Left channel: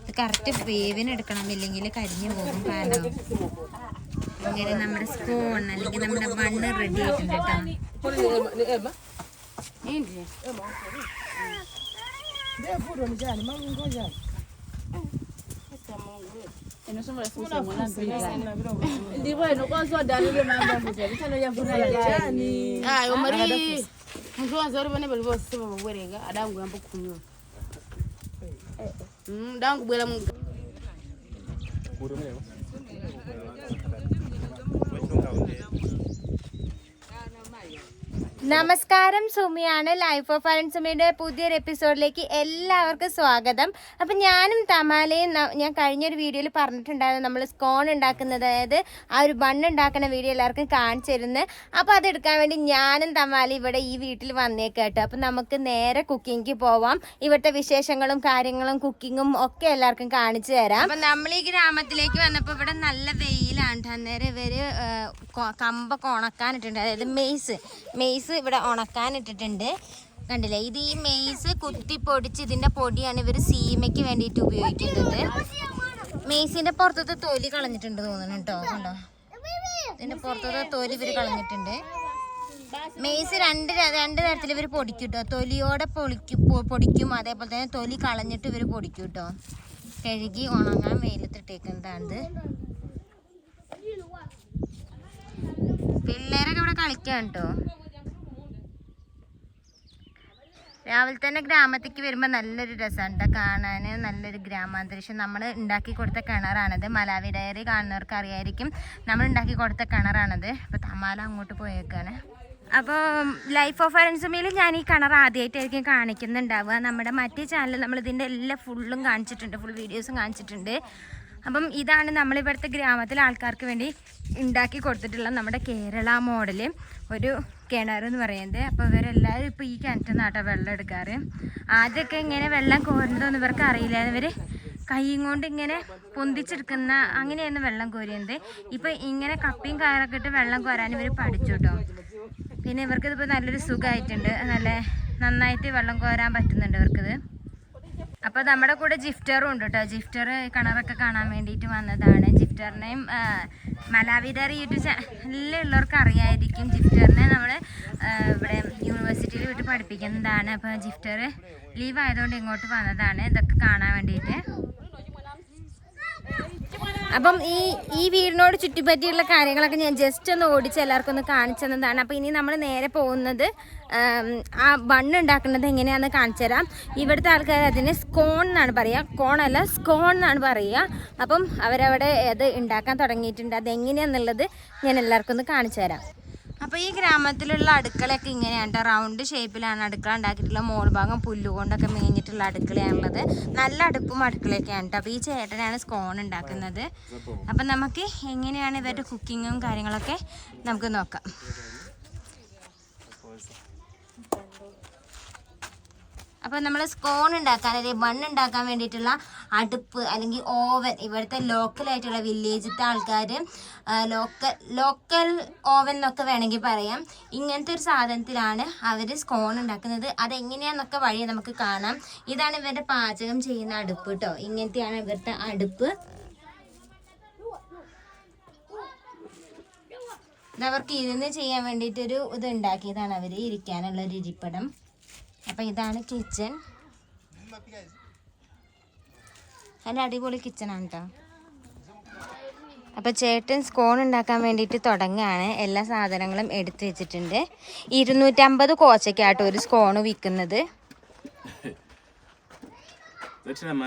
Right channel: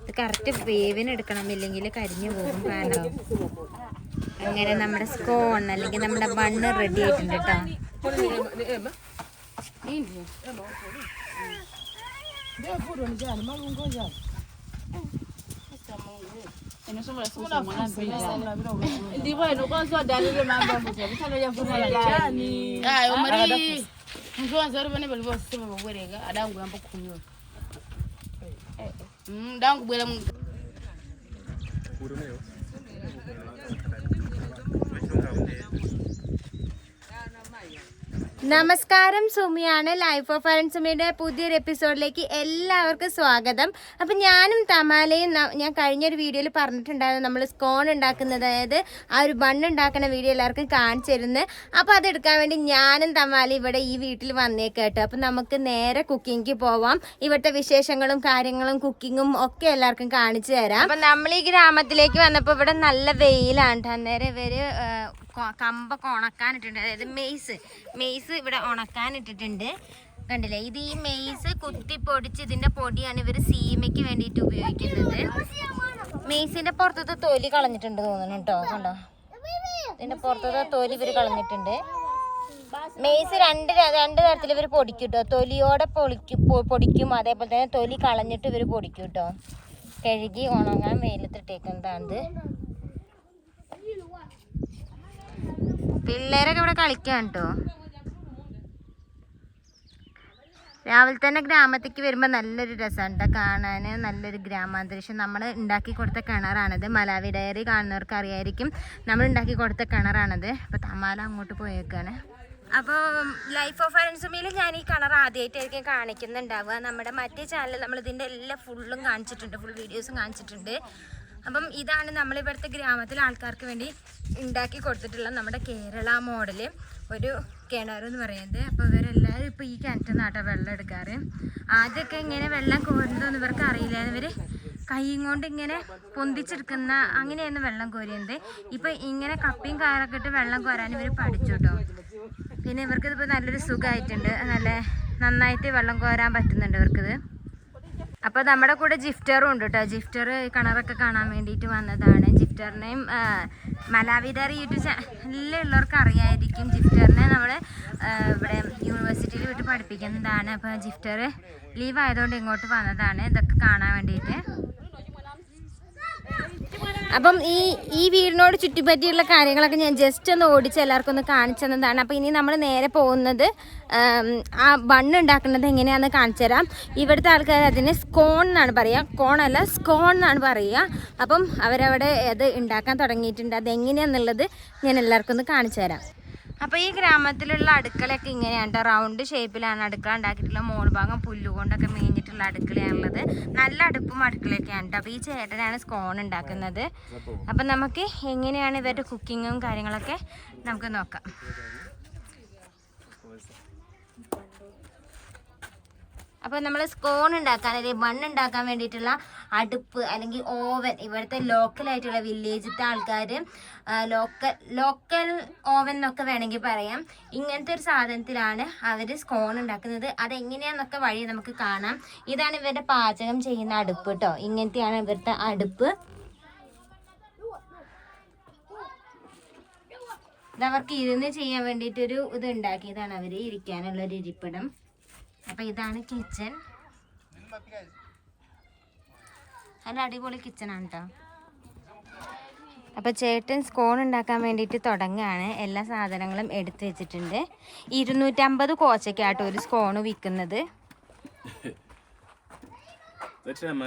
ഇത് കറക്റ്റ് വേവിന് എടുക്കണം ഇല്ലെങ്കിൽ കരിഞ്ഞു പോകും കാരണം അങ്ങനെ നമ്മുടെ സ്കോൺ അല്ലെങ്കിൽ നമ്മുടെ ബണ്ണ് റെഡി ആയിട്ടുണ്ട് കേട്ടോ ayo mari mtu wanza uri vane vali vose vavwereka adangu yamba mdangu bwela mungu. നമസ്കാരം സുമിയാണ്. ലൈഫ് ഓഫ് അരൺ സുമിയുടെ പുതിയൊരു എപ്പിസോഡിലേക്ക് എല്ലാവർക്കും സ്വാഗതം. അപ്പം ഞാനും തമാലയും ഞാൻ കഴിഞ്ഞൊരു വീഡിയോയിൽ പറഞ്ഞിട്ടുണ്ടായിരുന്നു നമ്മൾ സ്കോൺ ഉണ്ടാക്കുന്നത്. അതായത് ആ ഒരു ബണ്ണ് ഉണ്ടാക്കുന്ന വീഡിയോ എല്ലാവർക്കും കാണിച്ചിരുന്നു. അപ്പോൾ അതെടുക്കാൻ വേണ്ടി ഞാനും തമാലയും ഇവിടെ ഈ വീട്ടിൽ വന്നേക്ക് അപ്പം നമുക്ക് നേരെ കുക്കിങ്ങിക്ക് പോവാം. ഇവിടുത്തെ വിശേഷങ്ങളും കാര്യങ്ങളും കുക്കിങ്ങും ഒക്കെ എല്ലാവർക്കും കാണിച്ചു തരാം. അപ്പം നമ്മൾ ഈ ഗ്രാമത്തിലേക്ക് വന്നപ്പോൾ ഇവിടെ നല്ല വെയിലാണ്. അന്നേരം ഇവർ കമ്പൊക്കെ ഉണക്കാനിട്ടുണ്ട്. അതായത് മെയ്സ്. മെയ്സ് ഇവിടെ ഉണക്കാൻ ഇട്ടിട്ടുണ്ട് കണ്ടില്ലേ? ഇത് ഈ മെയ്സ് കുത്തി പൊടിച്ച് ഇതിന്റെ പൊടിയാണ് ഇവർ സീമയ്ക്ക് വേണ്ടിയിട്ട് ഉപയോഗിക്കുന്നത്. മെയ്സിന്റെ പുറത്തത്തെ തൊലി കളഞ്ഞിട്ടുണ്ട് തോന്നുന്നു കേട്ടോ കണ്ടോ? ഇതിന്റെ പുറത്തത്തെ തൊലി ഇവർ കളഞ്ഞിട്ടുണ്ട്. മെയ്സ് രണ്ട് രണ്ട് തരത്തിൽ ഇവർ പൊടിക്കും കേട്ടോ തൊലിയോടെ പൊളിക്കും പൊടിക്കും. അതേപോലെ തന്നെ തൊലി കളഞ്ഞിട്ട് ഇവർ പൊടിക്കും കേട്ടോ കഴുകി ഉണങ്ങാൻ വെയിലത്തിട്ടേക്കുന്നതാണ് പിള്ളേരൊക്കെ ഇവിടെ കളിക്കാൻ കേട്ടോ രാവിലെ തന്നെ ഗ്രാമത്തേക്ക് വരുമ്പോൾ നല്ലൊരു രസമുണ്ട് കാണാൻ നല്ലൊരു ഗ്രാമാന്തരീക്ഷം. നമ്മൾ ഉണ്ടാക്കി കൊടുത്ത കിണറാണത്. മലാവി ഡയറി കാണുന്നവർക്ക് അറിയായിരിക്കും നമ്മൾ ഉണ്ടാക്കി കൊടുത്ത കിണറാണത്. അപ്പോൾ തമാല അങ്ങോട്ട് പോയേക്കാണ്. അപ്പോൾ ലൈഫ് ഓഫ് അരൻസുമയിൽ ഞാൻ ഈ കിണർ ആദ്യമായിട്ടായിരിക്കും കാണിക്കുന്നുണ്ടാവുക. നമ്മുടെ മറ്റേ ചാനൽ നമ്മൾ ഇതിന്റെ എല്ലാ ഫുള്ളും കാണിച്ചിട്ടുണ്ട്. ഫുൾ വീഡിയോസും കാണിച്ചിട്ടുണ്ട്. അപ്പം ഇതാണ് നമ്മളിവിടുത്തെ ഗ്രാമത്തിലെ ആൾക്കാർക്ക് വേണ്ടി ഉണ്ടാക്കി കൊടുത്തിട്ടുള്ള നമ്മുടെ കേരള മോഡൽ ഒരു കിണർ എന്ന് പറയുന്നത്. അപ്പോൾ ഇവരെല്ലാവരും ഇപ്പോൾ ഈ കിണറ്റിൽ നിന്നാട്ടോ വെള്ളം എടുക്കാറ്. ആദ്യമൊക്കെ ഇങ്ങനെ വെള്ളം കോരുന്നതെന്ന് ഇവർക്ക് അറിയില്ല ഇവർ കൈയും കൊണ്ട് ഇങ്ങനെ പൊന്തിച്ചെടുക്കുന്ന അങ്ങനെയായിരുന്നു വെള്ളം കോരിയത് ഇപ്പം ഇങ്ങനെ കപ്പിയും കയറൊക്കെ ഇട്ട് വെള്ളം കോരാൻ ഇവർ പഠിച്ചു കേട്ടോ. പിന്നെ ഇവർക്കിതിപ്പോൾ നല്ലൊരു സുഖമായിട്ടുണ്ട്. നല്ല നന്നായിട്ട് വെള്ളം കോരാൻ പറ്റുന്നുണ്ട് ഇവർക്കിത്. അപ്പോൾ നമ്മുടെ കൂടെ ജിഫ്റ്ററും ഉണ്ട് കേട്ടോ ജിഫ്റ്റർ കിണറൊക്കെ കാണാൻ വേണ്ടിയിട്ട് വന്നതാണ്. ജിഫ്റ്ററിനെയും മലാവിതാരി യൂട്യൂബ് ചാനലിലുള്ളവർക്ക് അറിയായിരിക്കും. ജിഫ്റ്ററിനെ നമ്മൾ ഇവിടെ യൂണിവേഴ്സിറ്റിയിൽ വിട്ട് പഠിപ്പിക്കുന്നതാണ്. അപ്പോൾ ജിഫ്റ്റർ ലീവ് ആയതുകൊണ്ട് ഇങ്ങോട്ട് വന്നതാണ്. ഇതൊക്കെ കാണാൻ വേണ്ടിയിട്ട്. അപ്പം ഈ ഈ വീടിനോട് ചുറ്റിപ്പറ്റിയുള്ള കാര്യങ്ങളൊക്കെ ഞാൻ ജസ്റ്റ് ഒന്ന് ഓടിച്ച് എല്ലാവർക്കും ഒന്ന് കാണിച്ചു തന്നതാണ്. അപ്പോൾ ഇനി നമ്മൾ നേരെ പോകുന്നത് ആം, ബണ്ണ് ഉണ്ടാക്കുന്നത് എങ്ങനെയാണെന്ന് കാണിച്ചു തരാം. ഇവിടുത്തെ ആൾക്കാർ അതിന് സ്കോൺ എന്നാണ് പറയുക. കോണല്ല സ്കോൺ എന്നാണ് പറയുക. അപ്പം അവരവിടെ അത് ഉണ്ടാക്കാൻ തുടങ്ങിയിട്ടുണ്ട്. അതെങ്ങനെയാണെന്നുള്ളത് ഞാൻ എല്ലാവർക്കും ഒന്ന് കാണിച്ചു തരാം. അപ്പോൾ ഈ ഗ്രാമത്തിലുള്ള അടുക്കളയൊക്കെ ഇങ്ങനെയാണ് കേട്ടോ റൗണ്ട് ഷേപ്പിലാണ് അടുക്കള ഉണ്ടാക്കിയിട്ടുള്ള. മോൾ ഭാഗം പുല്ലുകൊണ്ടൊക്കെ മേഞ്ഞിട്ടുള്ള അടുക്കളയാണുള്ളത്. നല്ല അടുപ്പും അടുക്കളയൊക്കെയാണ് കേട്ടോ അപ്പോൾ ഈ ചേട്ടനാണ് സ്കോൺ ഉണ്ടാക്കുന്നത്. അപ്പം നമുക്ക് എങ്ങനെയാണ് ഇവരുടെ കുക്കിങ്ങും കാര്യങ്ങളൊക്കെ നമുക്ക് നോക്കാം. അപ്പോൾ നമ്മൾ സ്കോൺ ഉണ്ടാക്കാൻ അല്ലെങ്കിൽ ബൺ ഉണ്ടാക്കാൻ വേണ്ടിയിട്ടുള്ള അടുപ്പ് അല്ലെങ്കിൽ ഓവൻ ഇവിടുത്തെ ലോക്കലായിട്ടുള്ള വില്ലേജിലത്തെ ആൾക്കാർ ലോക്കൽ ലോക്കൽ ഓവൻ എന്നൊക്കെ വേണമെങ്കിൽ പറയാം. ഇങ്ങനത്തെ ഒരു സാധനത്തിലാണ് അവർ സ്കോൺ ഉണ്ടാക്കുന്നത്. അതെങ്ങനെയാണെന്നൊക്കെ വഴി നമുക്ക് കാണാം. ഇതാണ് ഇവരുടെ പാചകം ചെയ്യുന്ന അടുപ്പ് കേട്ടോ ഇങ്ങനത്തെയാണ് ഇവരുടെ അടുപ്പ്. അവർക്ക് ഇരുന്ന് ചെയ്യാൻ വേണ്ടിയിട്ടൊരു ഇത് ഉണ്ടാക്കിയതാണ് അവർ ഇരിക്കാനുള്ള ഒരു ഇരിപ്പിടം. അപ്പൊ ഇതാണ് കിച്ചൺ നല്ല അടിപൊളി കിച്ചണാണ് കേട്ടോ അപ്പോൾ ചേട്ടൻ സ്കോൺ ഉണ്ടാക്കാൻ വേണ്ടിയിട്ട് തുടങ്ങുകയാണ്. എല്ലാ സാധനങ്ങളും എടുത്തു വെച്ചിട്ടുണ്ട്. ഇരുന്നൂറ്റമ്പത് കോച്ചയ്ക്കാട്ടോ ഒരു സ്കോൺ വിൽക്കുന്നത്. Zaczynamy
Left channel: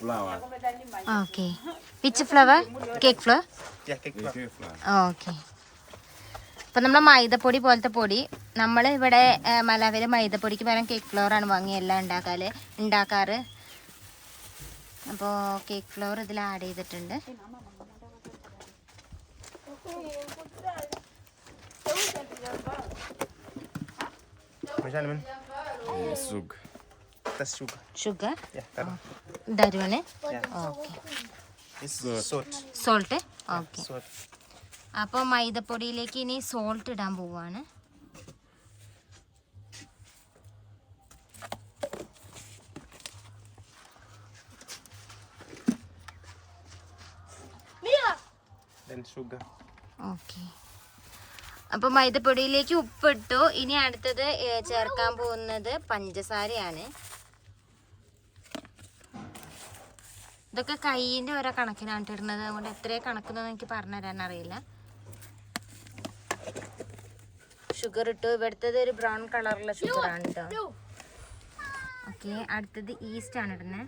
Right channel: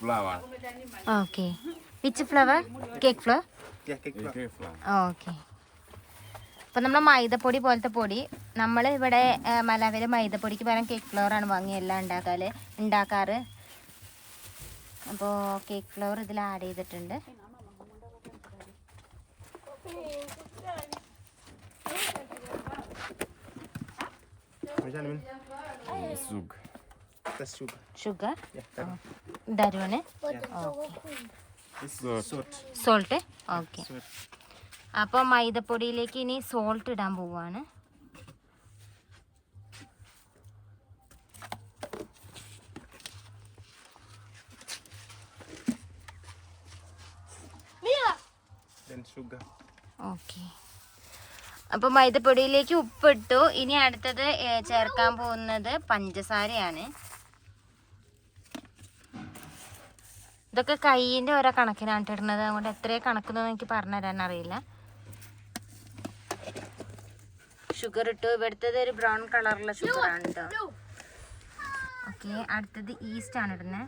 Mac. Flour. Okay which flour cake flour Okay, flour. Okay അപ്പം നമ്മൾ മൈദപ്പൊടി പോലത്തെ പൊടി നമ്മൾ ഇവിടെ മലവിൽ മൈദപ്പൊടിക്ക് പകരം കേക്ക് ഫ്ലവർ ആണ് വാങ്ങി എല്ലാം ഉണ്ടാക്കാൽ ഉണ്ടാക്കാറ് അപ്പോൾ കേക്ക് ഫ്ലവർ ഇതിൽ ആഡ് ചെയ്തിട്ടുണ്ട് Zug. That's sugar. Sugar Yeah. correct. ദരുവന് Yeah. Okay This salt. Salt okay Salt. അപ്പോൾ മൈദപ്പൊടിയിലേക്ക് ഇനി സോൾട്ട് ഇടാൻ പോവാണ് Then ഓക്കെ അപ്പോൾ മൈദപ്പൊടിയിലേക്ക് ഉപ്പിട്ടു ഇനി അടുത്തത് ചേർക്കാൻ പോകുന്നത് പഞ്ചസാരയാണ് ഇതൊക്കെ കൈയിന്റെ ഓരോ കണക്കിനാണ് ഇട്ടിരുന്നത് അതുകൊണ്ട് എത്രയും കണക്കുന്നതെന്ന് എനിക്ക് പറഞ്ഞു തരാൻ അറിയില്ല ഷുഗർ ഇട്ടു. ഇവിടുത്തത് ഒരു ബ്രൗൺ കളറുള്ള ഷുഗറാണ് കേട്ടോ. ഓക്കെ അടുത്തത് ഈസ്റ്റ് ആണ് ഇടുന്നത്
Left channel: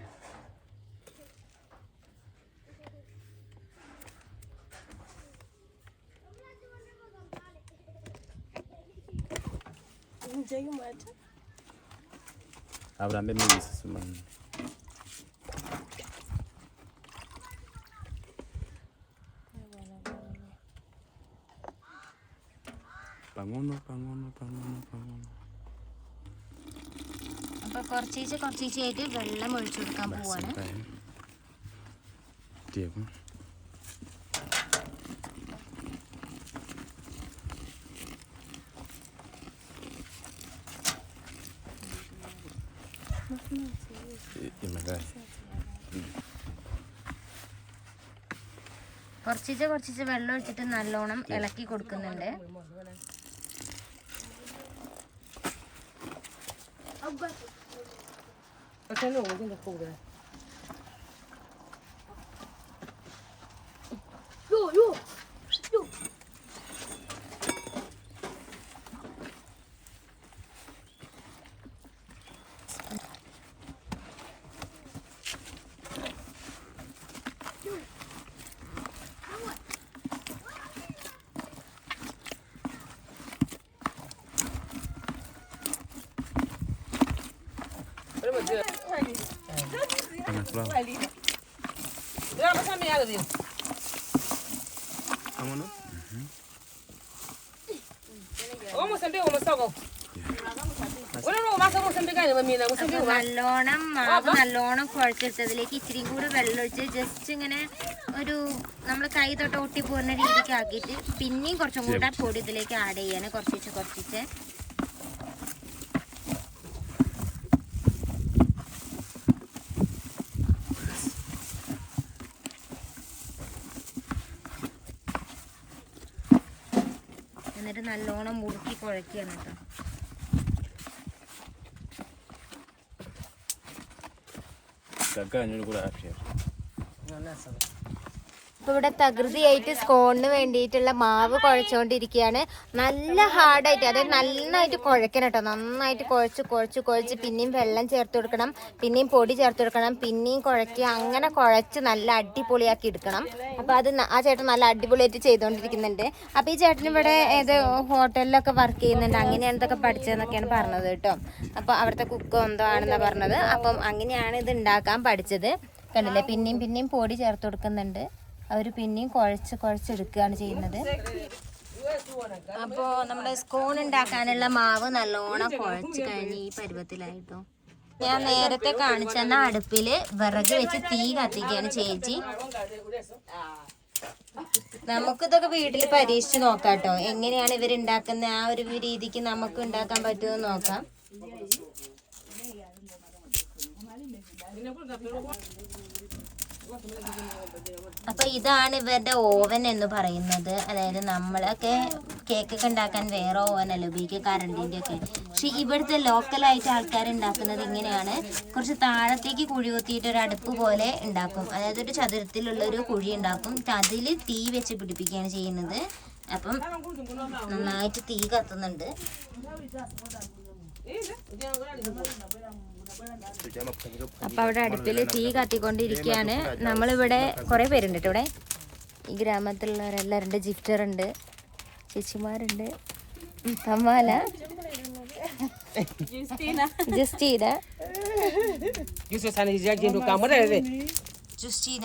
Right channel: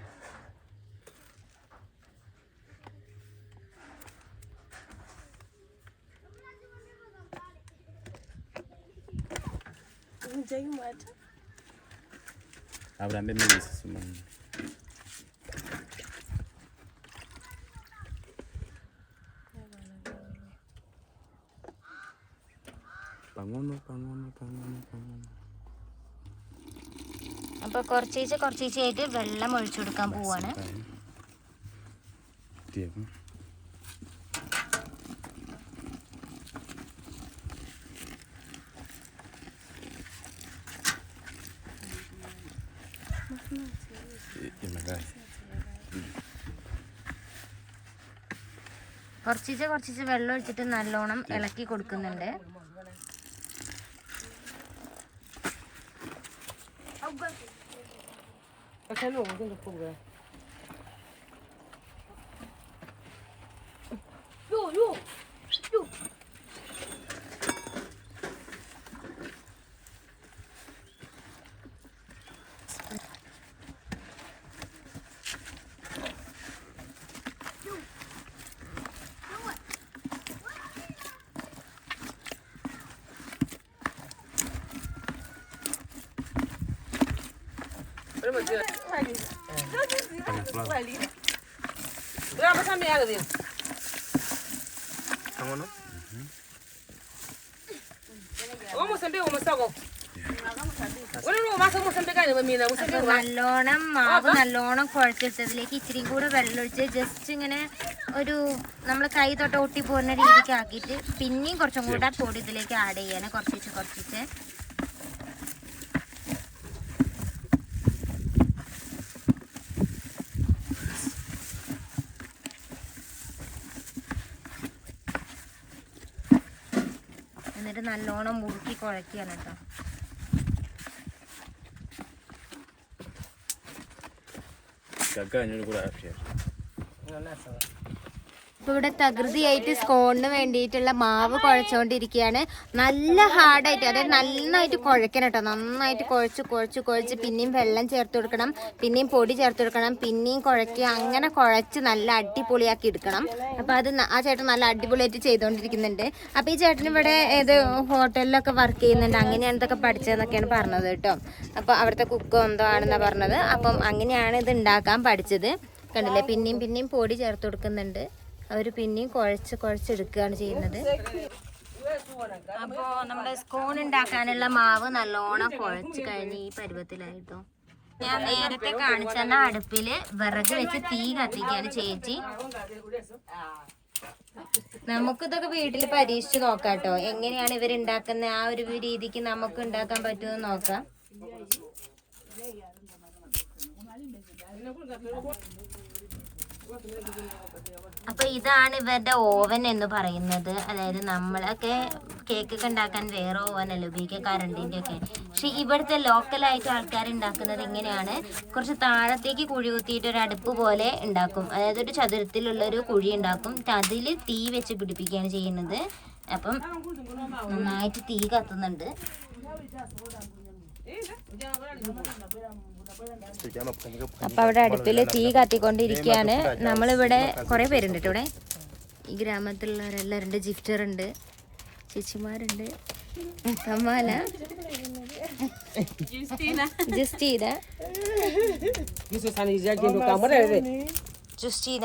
Abraham bem isso, uno, Pangono, pangono, pangono, pangono. അപ്പോൾ കുറച്ചീച്ച കുറച്ചീച്ചയായിട്ട് വെള്ളം ഒഴിച്ചു കൊടുക്കാൻ പോവാണ്. കുറച്ചീച്ച കുറച്ചീച്ച വെള്ളം ഒഴിച്ചിട്ട് നല്ലോണം ഇളക്കി കൊടുക്കുന്നുണ്ട്. 我先录，我先去复个。Pangono. അപ്പൊ നല്ലോണം മാവ് നല്ലോണം കുഴച്ചെടുത്തതിലേക്ക് ഇച്ചിരി കൂടി വെള്ളം ഒഴിച്ച് ജസ്റ്റ് ഇങ്ങനെ ഒരു നമ്മൾ കൈ തൊട്ട് ഒട്ടി പോകുന്ന രീതിക്ക് ആക്കിയിട്ട് പിന്നെയും കുറച്ചും കൂടെ പൊടി ഇതിലേക്ക് ആഡ് ചെയ്യാണ് കുറച്ചിച്ച് കുറച്ചിച്ച് എന്നിട്ട് നല്ലോണം കുഴക്കുകയാണ് കേട്ടോ Caca, yo no puedo hacer. ഇപ്പൊ ഇവിടെ തകൃതിയായിട്ട് സ്കോണിന് വേണ്ടിയിട്ടുള്ള മാവ് കുഴച്ചുകൊണ്ടിരിക്കുകയാണ് നല്ല ഹാർഡായിട്ട് അതായത് നന്നായിട്ട് കുഴക്കണം കേട്ടോ. നന്നായിട്ട് കുഴച്ച് കുഴച്ച് കുഴച്ച് പിന്നെയും വെള്ളം ചേർത്ത് കൊടുക്കണം പിന്നെയും പൊടി ചേർത്ത് കൊടുക്കണം പിന്നെയും കുഴക്കുക അങ്ങനെ കുഴച്ച് നല്ല അടിപൊളിയാക്കി എടുക്കണം. അപ്പൊ അത് ആ ചേട്ടൻ നല്ല അടിപൊളിയായിട്ട് ചെയ്തുകൊണ്ടിരിക്കുന്നുണ്ട് അപ്പോൾ ഈ ചേട്ടൻ ഇവിടെ ഏത് ഹോട്ടലിലൊക്കെ വർക്ക് ചെയ്യുന്നുണ്ട്? അങ്ങനെയാണ് ഇതൊക്കെ പഠിച്ചതെന്നൊക്കെയാണ് പറഞ്ഞത് കേട്ടോ. അപ്പോൾ അവിടുത്തെ കുക്ക് എന്തോ ആണെന്നാ പറഞ്ഞത്. അപ്പം അങ്ങനെയാണ് ഇത് ഉണ്ടാക്കാൻ പഠിച്ചത്. കണ്ടില്ലേ? പിന്നെയും പിന്നെയും പൊടി ചേർത്ത് കൊടുക്കുന്നുണ്ട്. അവർ പിന്നെയും കുഴച്ച് കുഴച്ചെടുക്കുകയാണ് ചെയ്യുന്നത്. അപ്പോൾ നമ്മുടെ സ്കോൺ ഉണ്ടാക്കാനുള്ള മാവ് നല്ലോണം കുഴച്ച് കഴിഞ്ഞ് ഈ പരുവത്തിലായിട്ടോ. ഞാൻ നേരത്തെ കാണിച്ചെന്ന അടുപ്പിൽ വിറക് വെച്ച് തീ കത്തിക്കുകയാണ് ചേച്ചി. നമുക്കിതൊക്കെ വീട്ടിൽ പരീക്ഷിച്ച് നോക്കാം എങ്ങനെയാണ് ഇവർ ഉണ്ടാക്കുന്ന ആ ഒരു രീതിക്ക് നമുക്ക് ഉണ്ടാക്കാൻ പറ്റുമെന്ന് നോക്കാം. അപ്പൊ ഇതാണ് ഇവരുടെ ഓവൻ എന്ന് പറയുന്നത്. അതായത് നമ്മളൊക്കെ കേക്ക് ഒക്കെ ഉണ്ടാക്കാൻ വേറെ ഓവൻ അല്ല ഉപയോഗിക്കുക? കറണ്ടിന്റെ ഒക്കെ. പക്ഷെ ഇവിടുത്തെ ലോക്കലായിട്ട് ആൾക്കാർ ഉണ്ടാക്കുന്നത് ഇങ്ങനെയാണ്. കുറച്ച് താഴത്തേക്ക് കുഴി കുത്തിയിട്ട് ഒരു അടുപ്പ് പോലെ ഉണ്ടാക്കും. അതായത് ഒരു ചതുരത്തിലുള്ള ഒരു കുഴി ഉണ്ടാക്കും. അതിൽ തീ വെച്ച് പിടിപ്പിക്കുകയാണ് ചെയ്യുന്നത്. അപ്പം നന്നായിട്ട് തീ കത്തുന്നുണ്ട്. അപ്പൊ അവിടെ അടുപ്പിൽ തീ കത്തിക്കൊണ്ടിരിക്കുകയാണ് നമ്മളിവിടെ കുറെ പേരുണ്ട് കേട്ടോ ഇവിടെ. ഈ ഗ്രാമത്തിലുള്ളവരെല്ലാവരും ഉണ്ട്. ജിഫ്റ്റർ ഉണ്ട് ചേച്ചിമാരുണ്ട്. തമ്മാല ജസ്റ്റീന. ജസ്റ്റീന.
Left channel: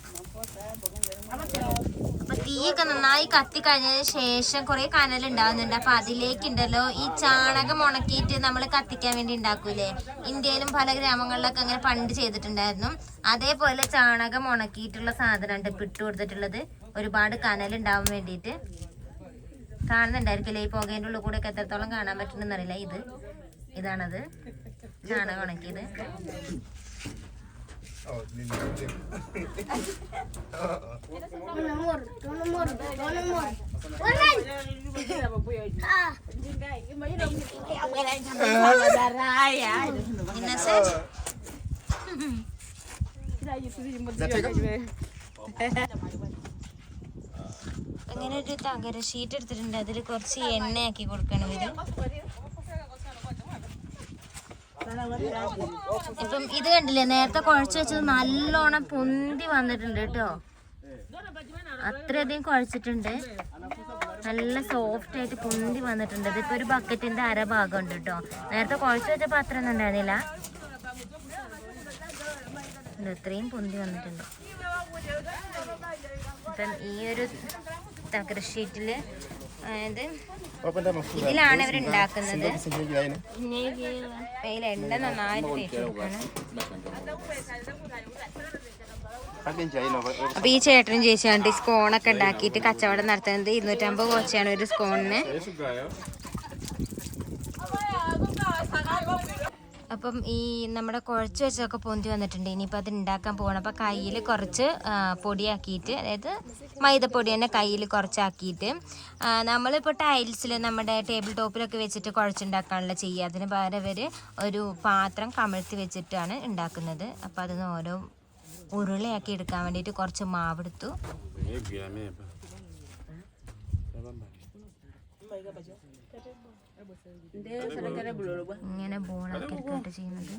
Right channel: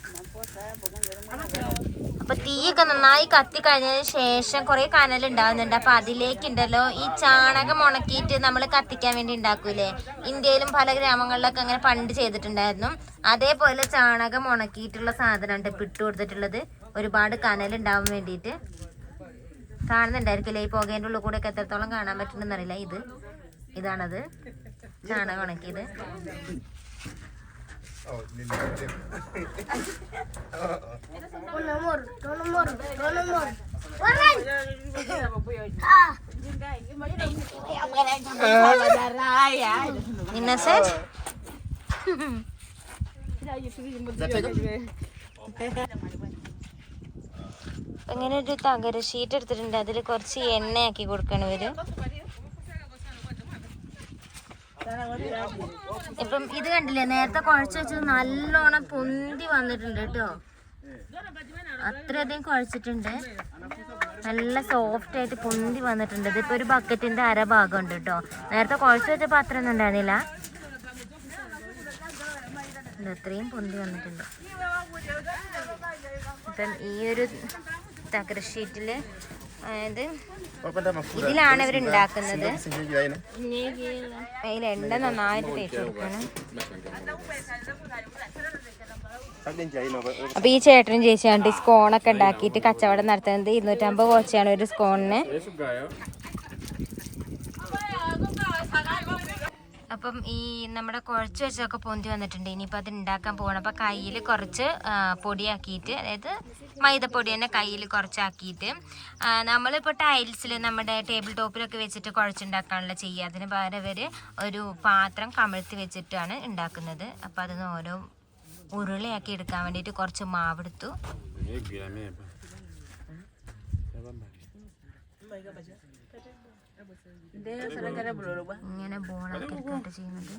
അപ്പൊ തീയൊക്കെ നന്നായി കത്തി കഴിഞ്ഞതിന് ശേഷം കുറെ കനൽ ഉണ്ടാവുന്നുണ്ട്. അപ്പൊ അതിലേക്ക് ഉണ്ടല്ലോ ഈ ചാണകം ഉണക്കിയിട്ട് നമ്മൾ കത്തിക്കാൻ വേണ്ടി ഉണ്ടാക്കൂലേ? ഇന്ത്യയിലും പല ഗ്രാമങ്ങളിലൊക്കെ അങ്ങനെ പണ്ട് ചെയ്തിട്ടുണ്ടായിരുന്നു. അതേപോലെ ചാണകം ഉണക്കിയിട്ടുള്ള സാധനം ഉണ്ട് ഇപ്പൊ ഇട്ട് കൊടുത്തിട്ടുള്ളത്. ഒരുപാട് കനൽ ഉണ്ടാവാൻ വേണ്ടിയിട്ട്. കാണുന്നുണ്ടായിരിക്കില്ലേ? ഈ പുകേന്റെ ഉള്ളിൽ കൂടെ ഒക്കെ എത്രത്തോളം കാണാൻ പറ്റുന്നറിയില്ല ഇത് ഇതാണത്. ചാണകം ഉണക്കിയത്. ഇന്നസെന്റ് ഇങ്ങനെ ഒരു തകര ഷീറ്റ് എടുത്തിട്ടുണ്ട്. അതിൽ കുറച്ച് എണ്ണയാക്കി കൊടുക്കണം ഇവർ. ഇപ്പം ഇത് കണ്ടില്ലേ? നേരത്തെ കുഴച്ച് വെച്ചത് നല്ലോണം പൊന്തി വന്നിട്ടുണ്ട് കേട്ടോ. അത്രയധികം കുഴച്ചിട്ടുണ്ട്. നല്ല സോഫ്റ്റ് ആയിട്ട് പൊന്തി വന്നിട്ടുണ്ട്. ഇതിപ്പോ ഒരു ബക്കറ്റിന്റെ അര ഭാഗം ഉണ്ട് കേട്ടോ. നേരത്തെ കുഴച്ച് വെച്ചപ്പോ അത്ര ഒന്നും ഉണ്ടായിരുന്നില്ല അത്രയും പൊന്തി വന്നിട്ടുണ്ട്. അപ്പം ഈ ഒരു തകര ഷീറ്റിൽ അതായത് ഇതിലാണ് ഇവർ ഉണ്ടാക്കുന്നത് അതിൽ എണ്ണ നന്നായിട്ട് അപ്പൊ ഈ ചേട്ടനും ഈ സ്കോണൊക്കെ ഉണ്ടാക്കിയിട്ട് കച്ചവടം നടത്തുന്നത്. ഇരുന്നൂറ്റമ്പത് കോച്ചയാണ് ഒരു സ്കോണിന്. അപ്പം ഈ നമ്മുടെ കുഴച്ച് വെച്ചൊക്കെ പൊന്തി വന്നിട്ടുണ്ട്. ഇനിയിപ്പോൾ അത് ഉണ്ടാക്കാൻ പോകണം അപ്പോൾ കയ്യിൽ കുറച്ച് പൊടിയാക്കിയിട്ട് അതായത് മൈദപ്പൊടി തന്നെ കയ്യിൽ കുറച്ചാക്കിയിട്ട് നമ്മളിപ്പോൾ ടൈൽസിൽ നമ്മുടെ ടേബിൾ ടോപ്പിലൊക്കെ വെച്ചിട്ട് കുഴച്ചുണ്ടാക്കാനുള്ള ചെയ്യുക അതിന് പകരം ഇവർ ഒരു പാത്രം കമിഴ്ത്തി വെച്ചിട്ടാണ് ഉണ്ടാക്കുന്നത് അപ്പോൾ അതിന് ഓരോ ഉരുളയാക്കി എടുക്കാൻ വേണ്ടിയിട്ട് കുറച്ച് മാവെടുത്തു. ഇങ്ങനെ ബോളാക്കി എടുക്കാട്ട് ചെയ്യുന്നത്.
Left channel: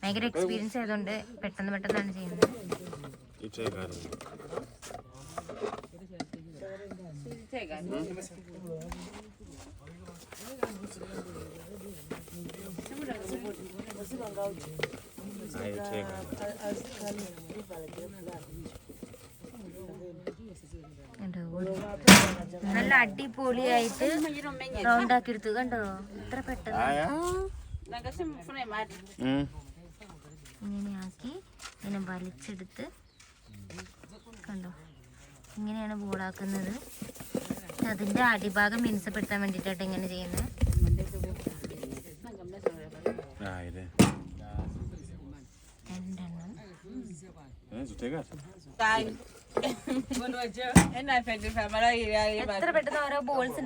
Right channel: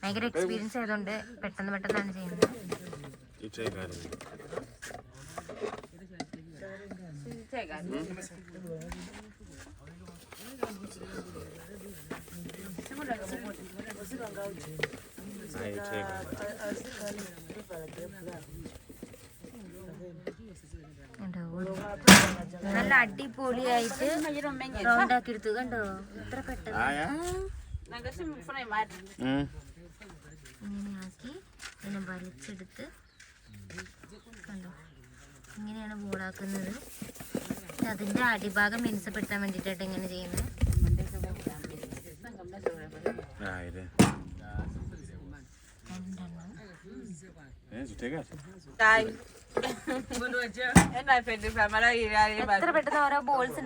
ഭയങ്കര എക്സ്പീരിയൻസ് ആയതുകൊണ്ട് പെട്ടെന്ന് പെട്ടെന്നാണ് ചെയ്യുന്നത്. നല്ല അടിപൊളിയായിട്ട് റൗണ്ട് ആക്കി എടുത്തു കണ്ടോ ഇത്ര പെട്ടെന്ന് ഇങ്ങനെ വലിച്ചെടുത്ത്. കണ്ടോ? ഇങ്ങനെയാണ് ബോളാക്കുന്നത്. അതിന്റെ അടിഭാഗം മിനുസപ്പെടുത്താൻ വേണ്ടിയിട്ടാണ് ഇങ്ങനെ ചെയ്യുന്നത്. എത്ര പെട്ടെന്ന് ഓരോ balls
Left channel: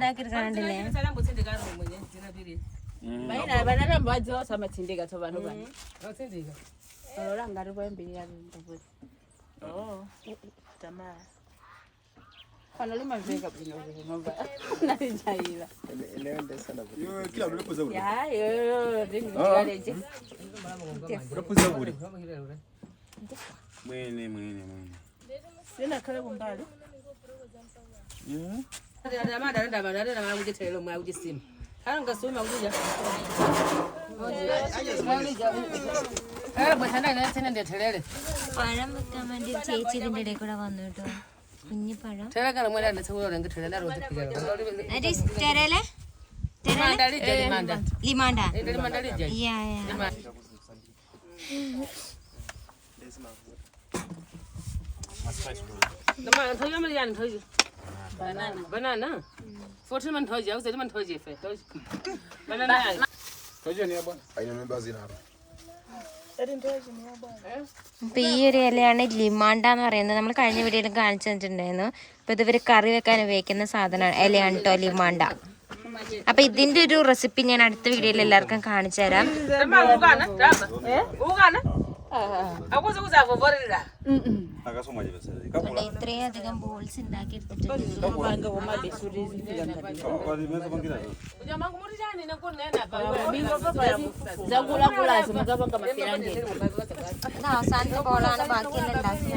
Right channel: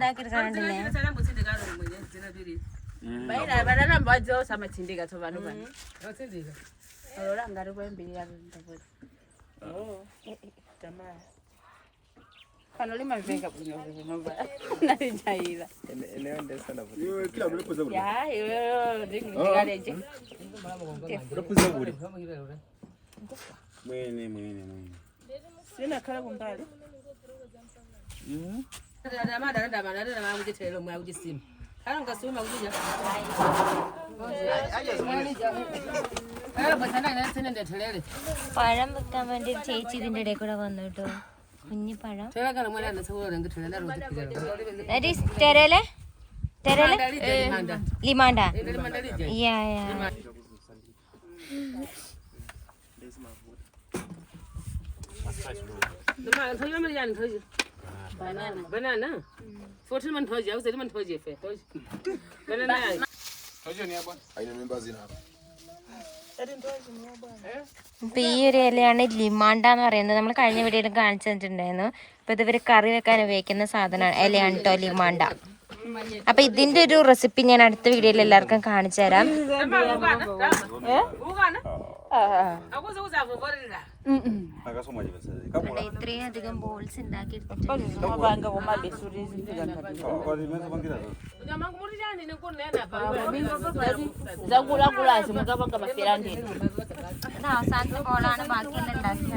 ഉണ്ടാക്കി എടുക്കാണ്ടില്ലേ Mwene, mwene, mwene. പഴം വെക്കാൻ വേണ്ടി ഒരു ചേച്ചി ഇതിന്റെ ഇടയിൽ കൂടെ വന്നു കേട്ടോ తెరలే తెరలే లిమాండా యా యా બનાના ફોટો મને થઈ જાય મને થઈ જાય બનાના થઈ જાય ને આઈ મેમ્બર્સ ઇન આર അപ്പൊ ഈ ഒരു ഇലയാണ് ലിമാണ്ട എന്ന് പറയുന്നത് നമ്മൾ കഴിഞ്ഞ വീഡിയോയിൽ കാണിച്ചു തന്നിട്ടുണ്ടായിരുന്നു അപ്പൊ ഇത് ഇവർ കറി വെക്കാൻ ഉപയോഗിക്കുന്ന സാധനമാണ് ഇലയാണ് കേട്ടോ ലിമാണ്ട അപ്പൊ ഇതിന്റെ ഒരു റെസിപ്പി ഞാൻ അടുത്ത വീഡിയോയിൽ എല്ലാവർക്കും കാണിച്ചു തരാം Akasoma je basa. Kapula. ഇത്രയും അധികം ബോൾസ് ഉണ്ടാക്കി എടുത്തിട്ടുണ്ട് Wali mesa bangira. zakula kula simutapa kama kirandi ഇത് അവസാനത്തെ ബോളാണ് ബാക്കിയെല്ലാം ഉണ്ടാക്കി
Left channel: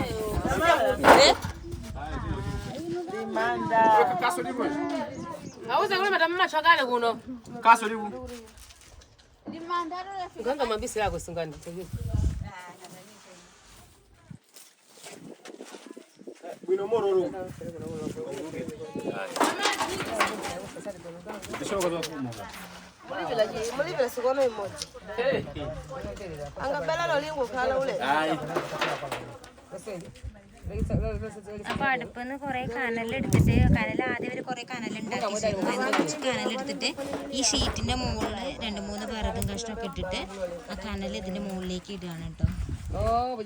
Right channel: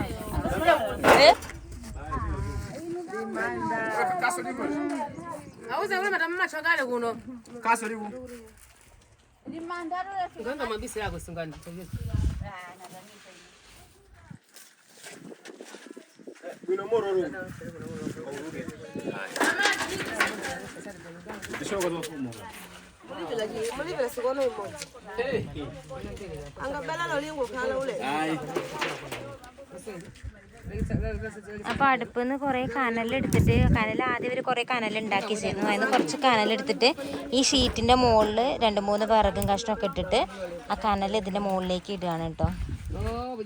അപ്പൊ അടുപ്പിൽ നിന്ന് കുറെ കനലെടുത്തിട്ട് കനൽ ആദ്യം ഒരു കുറെ കനൽ ഉണ്ടാക്കി വെച്ചിരുന്നു അതിന് കുറച്ച് കനലെടുത്തിട്ട് ഈ ഷീറ്റിന്റെ മുകളിൽ രണ്ട് മൂന്ന് വിറകും കഷ്ണമൊക്കെ ഇട്ടിട്ട് ആ കനൽ ഇതിന്റെ മുകളിലേക്ക് ഇടുകയാണ് കേട്ടോ. oh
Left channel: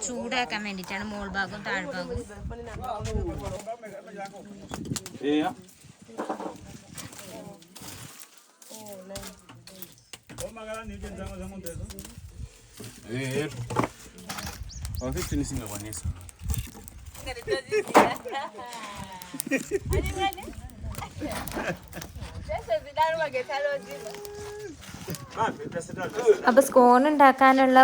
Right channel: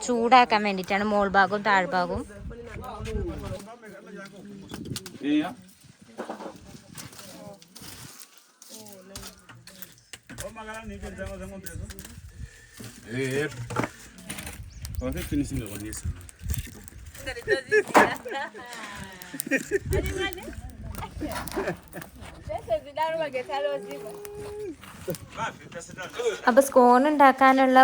bujaka simuli ko kwa ndauna ചൂടാക്കാൻ വേണ്ടിയിട്ടാണ് മോൾ ഭാഗവും താഴ്ഭാഗവും Eh. Eh. Wangapi ni singa wanesa? അപ്പൊ സ്കോൺ ഉണ്ടാക്കാനുള്ള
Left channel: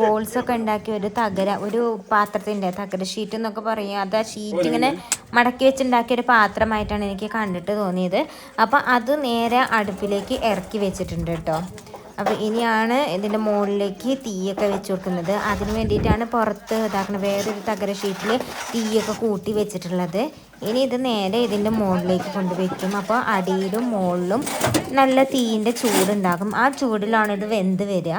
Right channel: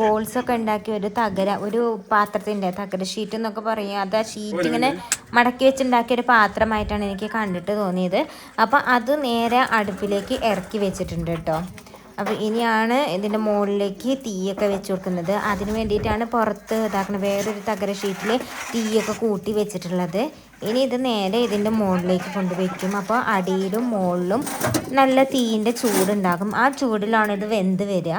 ബോൾസ് ഒക്കെ ഉണ്ടാക്കി ഒരു തകര ഒരു പാത്രത്തിന്റെ തകര ഷീറ്റ് എന്നൊക്കെ പറയും അത് ആ ഷീറ്റ് ഇങ്ങനെ മടക്കി വെച്ചുണ്ടാക്കിയ ഒരു പാത്രമായിട്ടാണ് എനിക്ക് കണ്ടിട്ട് തോന്നിയത് അപ്പൊ അത് നേരെ അടുപ്പിലേക്ക് ഇറക്കി വെച്ചിട്ടുണ്ട് കേട്ടോ അപ്പോൾ ഇനിയാണ് ഇതിന്റെ മുകളിലേക്ക് തീയൊക്കെ വെച്ച് കൊടുക്കുന്നത് അതിന് വേണ്ടിയിട്ടാണ് പുറത്ത് ഇതാക്കുന്നത് വേറൊരു തകര ഷീറ്റിൽ തീയൊക്കെ കൂട്ടി വെച്ചിട്ടുള്ളത് ഇനി ഇത് നേരെ ഇതിന്റെ മുകളിലേക്ക് കൊണ്ടുവയ്ക്കും. അപ്പോൾ അടിയിലും മുകളിലും നല്ല തീയിന്റെ ചൂടുണ്ടാകും. ആ ചൂടിലാണ് ഇത് വെന്ത് വരിക.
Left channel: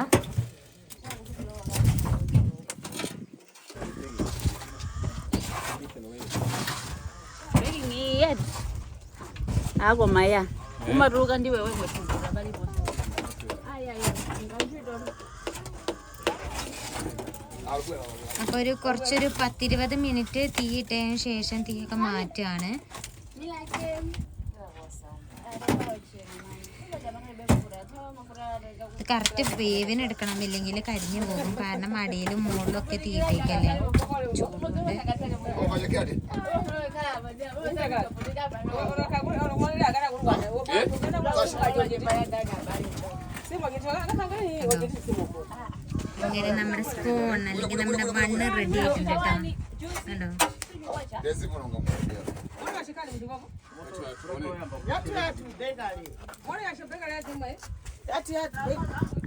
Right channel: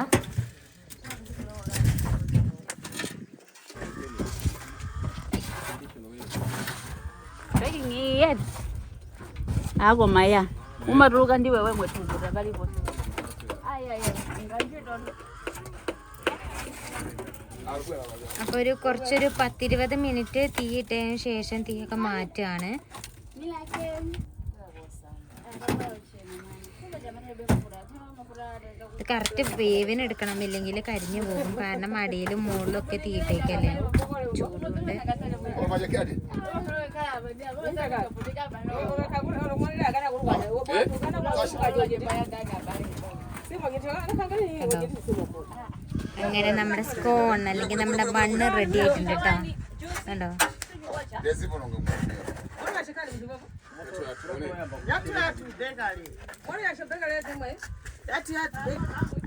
ako അപ്പോൾ ഒരു കുറച്ചൊരു പത്തിരുപത് മിനിറ്റ് തീ ഇട്ടതിന് ശേഷം തീയൊക്കെ മാറ്റുകയാണ്. ഇത് കറക്റ്റ് വേവിന് എടുക്കണം ഇല്ലെങ്കിൽ കരിഞ്ഞു പോകും. കാരണം അടിയിലും മുകളിലും ഒക്കെ തീയിട്ടേക്കല്ലേ ചൂടുകൊണ്ട്. കേട്ടോ അങ്ങനെ നമ്മുടെ സ്കോൺ അല്ലെങ്കിൽ നമ്മുടെ ബണ്ണ് റെഡി ആയിട്ടുണ്ട് കേട്ടോ കണ്ടോ?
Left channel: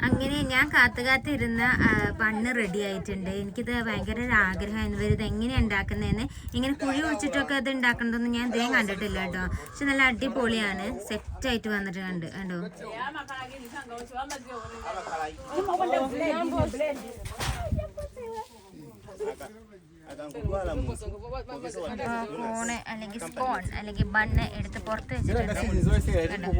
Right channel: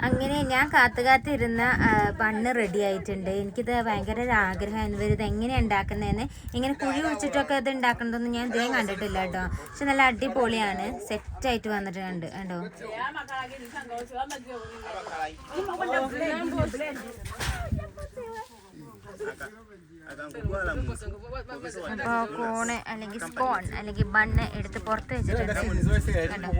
അങ്ങനെ ഞാൻ കാത്തു കാത്തിരുന്ന ആ, ബണ്ണ് റെഡി ആയിട്ടുണ്ട്. എനിക്കിത് ഭയങ്കര ഒരു ആഗ്രഹമായിരുന്നു. ഇത് എങ്ങനെ ഉണ്ടാക്കുന്നതെന്ന് ഇങ്ങനെ കുഴി ഒഴിച്ചിട്ടൊക്കെ ഇത് ഉണ്ടാക്കണതൊന്നും ഞാൻ ഇതേ കണ്ടിട്ടില്ല കേട്ടോ. പക്ഷെ നല്ല അടിപൊളിയാണ്. സെറ്റായിട്ട് വന്നിട്ട് കണ്ട് അപ്പോൾ കോണ് അല്ലെങ്കിൽ സ്കോൺ അല്ലെങ്കിൽ ബണ്ണ് എടുത്ത് പുറത്ത് വെച്ചിട്ടുണ്ട് കണ്ടോ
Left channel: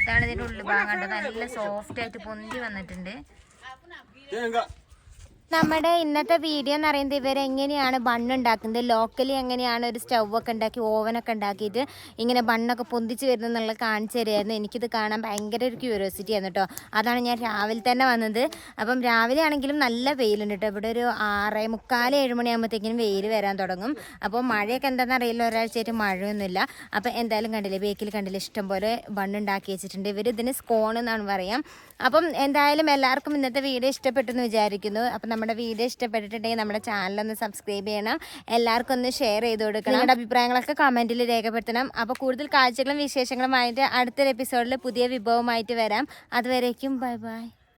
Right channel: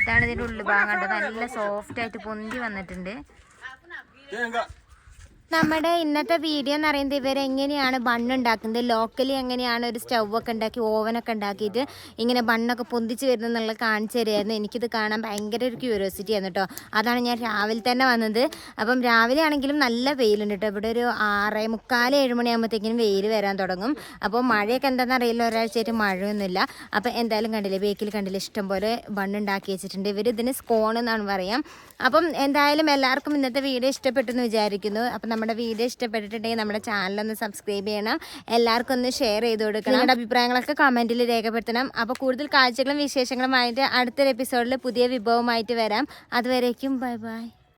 ഇതാണ് ഇതിന്റെ ഉള്ളു ഭാഗം നല്ല സോഫ്റ്റ് ആയിട്ട് പൊന്തി വന്നിട്ടുണ്ട്. നമ്മുടെ ഇന്നത്തെ വീഡിയോ എന്ന് പറയുന്നത് ഇവരെങ്ങനെയാണ് ബണ്ണുണ്ടാക്കുന്നത് ലോക്കലി എങ്ങനെയാണ് ഒരു സ്റ്റവ് ഒക്കെ ഉണ്ടാക്കി ഓവനൊക്കെ ഉണ്ടാക്കിയിട്ട് ഇങ്ങനെ ബണ്ണൊക്കെ പൊന്തിച്ച് വരുന്നത് എന്നുള്ളത് കാണിച്ചു തരുമായിരുന്നു എനിക്കിത് കാണാൻ ഭയങ്കര ഒരു ക്യൂരിയോസിറ്റി ആണ് കേട്ടോ അതാണ് ഞാൻ രാവിലെ തന്നെ വന്നത്. അപ്പം രാവിലെ ആണെങ്കിലും നല്ല വെയിലുണ്ട് കേട്ടോ ഇവിടെ ഒരു ആറ് മുക്കാൽ ഏഴ് മണിയാകുമ്പോഴത്തേക്കും വെയിൽ വരാൻ തുടങ്ങും. അപ്പോൾ മഴയൊക്കെ എന്താണെന്ന് അറിയില്ല. ഒരാഴ്ചയായിട്ട് മഴയൊന്നുമില്ല. അപ്പോൾ എന്തായാലും കണ്ടില്ലേ ബേക്കിൽ കണ്ടില്ലേ ഇഷ്ടംപോലെ ബണ്ണുണ്ടാക്കി വെച്ചിട്ടുണ്ട്. ഇവർ ഇതിന് സ്കോൺ എന്നാണ് പറയാം. അപ്പം എന്തായാലും എല്ലാവർക്കും ഇന്നത്തെ വീഡിയോ ഇഷ്ടപ്പെട്ടെന്ന് വിചാരിക്കുന്നു. അപ്പം നമ്മുടെ വീഡിയോ ഇഷ്ടപ്പെട്ടിട്ടുണ്ടെങ്കിൽ നമ്മുടെ ചാനലൊന്ന് സബ്സ്ക്രൈബ് ചെയ്യണം. എല്ലാവർക്കും ഒന്ന് ഷെയർ ചെയ്ത് കൊടുക്കണം. നിങ്ങളുടെ അഭിപ്രായങ്ങളൊക്കെ കമന്റിൽ രേഖപ്പെടുത്തണം. അപ്പോൾ കൂടുതൽ കാഴ്ചകളും വിശേഷങ്ങളുമായിട്ട് അടുത്തൊരു എപ്പിസോഡിൽ പുതിയ വിഭവമായിട്ട് വരാം. അതുവരേക്കും ബൈ ബൈ.